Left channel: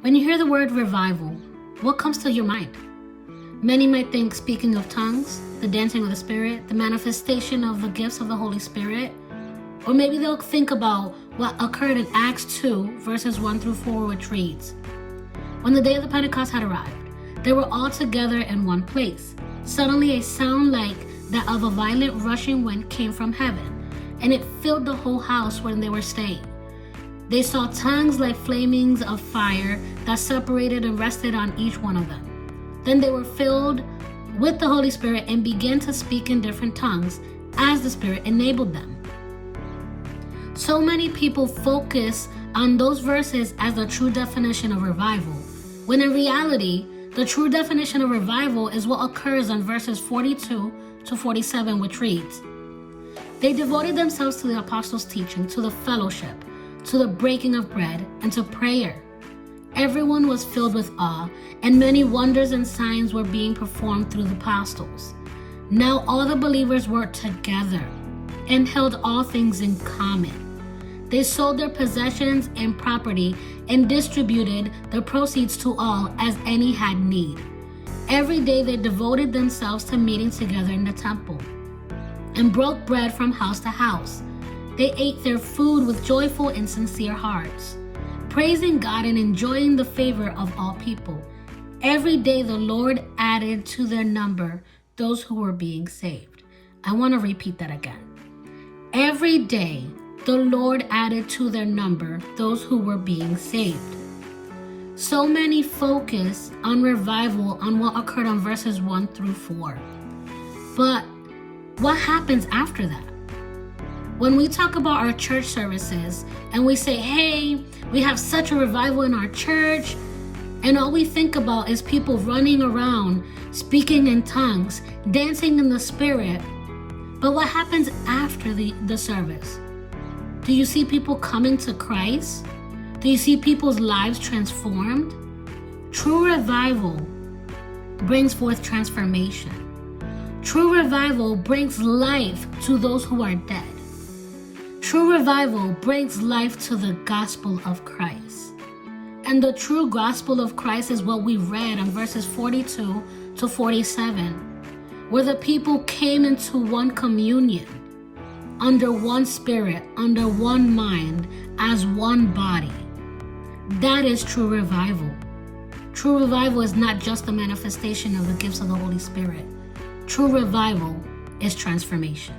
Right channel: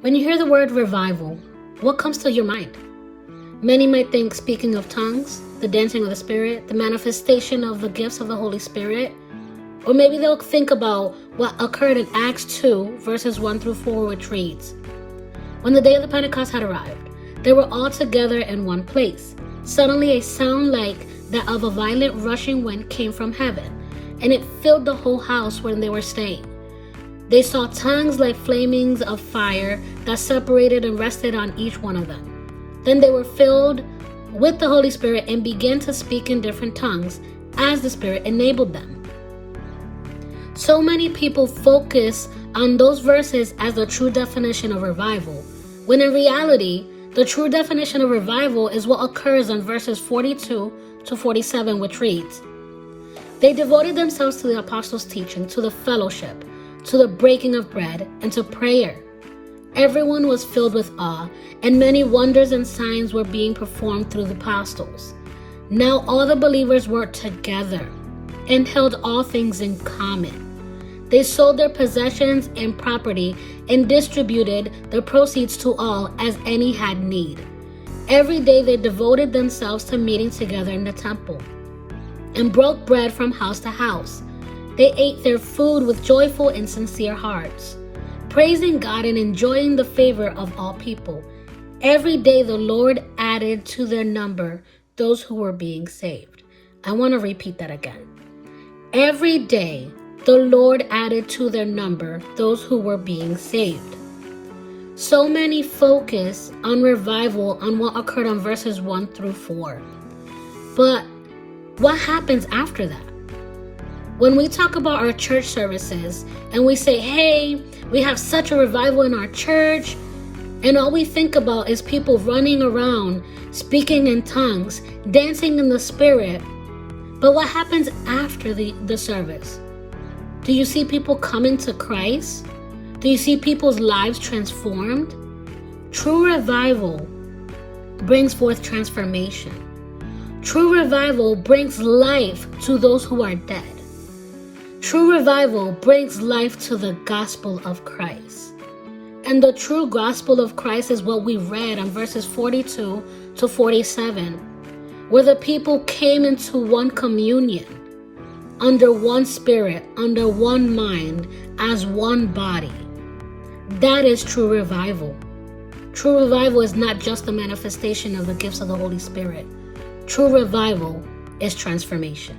When you hear the word revival, what comes to your mind? Many might think speaking of tongues, the dancing of the Spirit, the manifestation of the gifts of the Holy Spirit, or maybe they'll think about what occurred in Acts 2, verses 1 through 4, which reads, "When the day of the Pentecost had arrived, they were all together in one place. Suddenly a sound like that of a violent rushing wind came from heaven, and it filled the whole house where they were staying. They saw tongues like flamings of fire that separated and rested on each one of them. Then they were filled with the Holy Spirit and began to speak in different tongues as the Spirit enabled them." So many people focus on those verses as the true definition of revival, when in reality, the true definition of revival is what occurs in verses 42 to 47, which reads, "They devoted themselves to the apostles' teaching, to the fellowship, to the breaking of bread, and to prayer. Everyone was filled with awe, and many wonders and signs were being performed through the apostles. Now all the believers were together and held all things in common. They sold their possessions and property and distributed the proceeds to all as any had need. Every day they devoted themselves to meeting together in the temple and broke bread from house to house. They ate their food with joyful and sincere hearts, praising God and enjoying the favor of all people. Every day the Lord added to their number those who were being saved." I want to repeat that again. Every day the Lord added to their number those who were being saved. So many focus on revival on what occurred on verses 1 through 4. But what happens after that? When we talk about our church services and we say, hey, we have such a revival in our church, and all we think about is people running around, speaking in tongues, dancing in the Spirit. But what happens after the service? Do you see people coming to Christ? Do you see people's lives transformed? True revival brings forth transformation. True revival brings life to those who are dead. True revival brings life to the gospel of Christ. And the true gospel of Christ is what we read on verses 42 to 47, where the people came into one communion, under one spirit, under one mind, as one body. That is true revival. True revival is not just the manifestation of the gifts of the Holy Spirit. True revival is transformation.